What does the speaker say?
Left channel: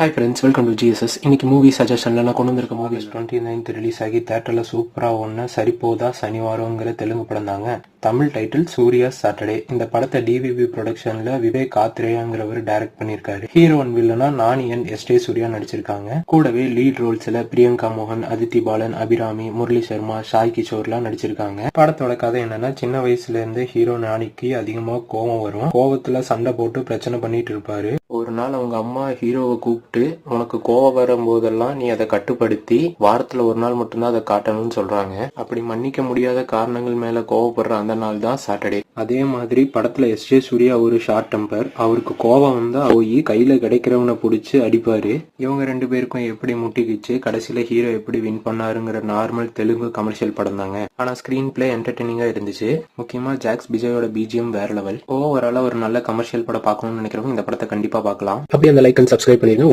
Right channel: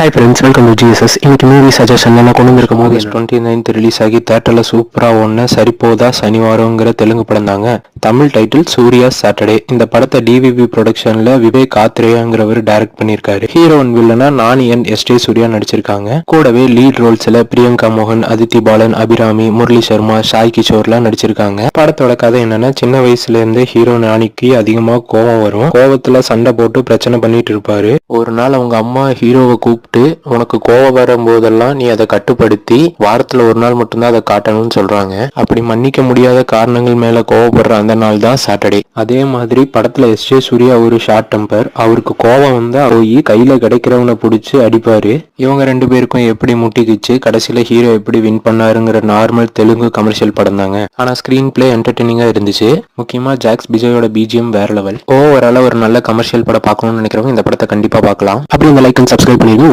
Hi friends, welcome to GSS. இன்னைக்கு movie சஜஷன்ல நான் கொண்டு வந்திருக்கும் மூவி 29th ரிலீஸ் ஆகி தேட்டரில் சூப்பராக ஒன்று சரிபோதா சனிவாரங்கிற தெலுங்கு படம் தாங்க. Tamil title Surya Saturday. இந்த படத்தை டிவிபி ப்ரொடக்ஷன்ல விவேக் ஆத்ரேயாங்கிறவர் டைரக்ட் பண்ணியிருக்காரு. ஹீரோன் வில்லனா நானி அண்ட் எஸ்டே சூர்யா நடிச்சிருக்காங்க. கூடவே லீட் ரோல்ஸ்ல பிரியங்கா மோகன், அதித்தி பாலன், அபிராமி, முரளி சர்மா, சாய் கிஷோர்லாம் நடிச்சிருக்காங்க. படத்தோட கதை என்னன்னா, சின்ன வயசுல இருந்து ஹீரோ நானிக்கு அதிகமா கோவம் வரும். கோவத்துல சண்டை போட்டு பிரச்சனை பண்ணிட்டு இருப்பாரு. ஒரு நாள் அவங்க அம்மா ஹீரோவை கூப்பிட்டு, உனக்கு கோவம் வரும் போதெல்லாம் நீ அதை கட்டுப்படுத்தி வாரத்துல ஒரு நாள் மட்டும்தான் அதை காட்டணும்னு சொல்றாங்க. அப்படி மன்னிக்க முடியாத காரணங்கள் மேல கோவப்படுற அந்த நாள் தான் சாட்டர்டே. அதே மாதிரி படத்துல எஸ்ஜே சூர்யா ஒரு ஷார்ட் டெம்பர். அவருக்கு கோவம் வந்து அவர் கையில கிடைக்கிறவனை பிடிச்சி அடிப்பாரு. இவங்க ரெண்டு பேருக்கும் எப்படி முட்டிக்கிச்சு, கடைசியில ஹீரோ எப்படி வின் பண்ணாருங்கிற நார்மல் தெலுங்கு கமர்ஷியல் படம் தாங்க. ஆனா ஸ்கிரீன் பிளே என்டர்டெய்னிங்கா இருந்துச்சு. முக்கியமா ஜாக்ஸ் பிஜயோட பிஜிஎம் வேற லெவல். ஓவரால ஒரு நல்ல கமர்ஷியல் படம் பார்க்கணும்னு நினைக்கிறவங்க இந்த படத்தை கண்டிப்பா பார்க்கலாம். அப்படி இந்த லைக் அண்ட் சப்ஸ்கிரைப் பண்ணிடுங்க.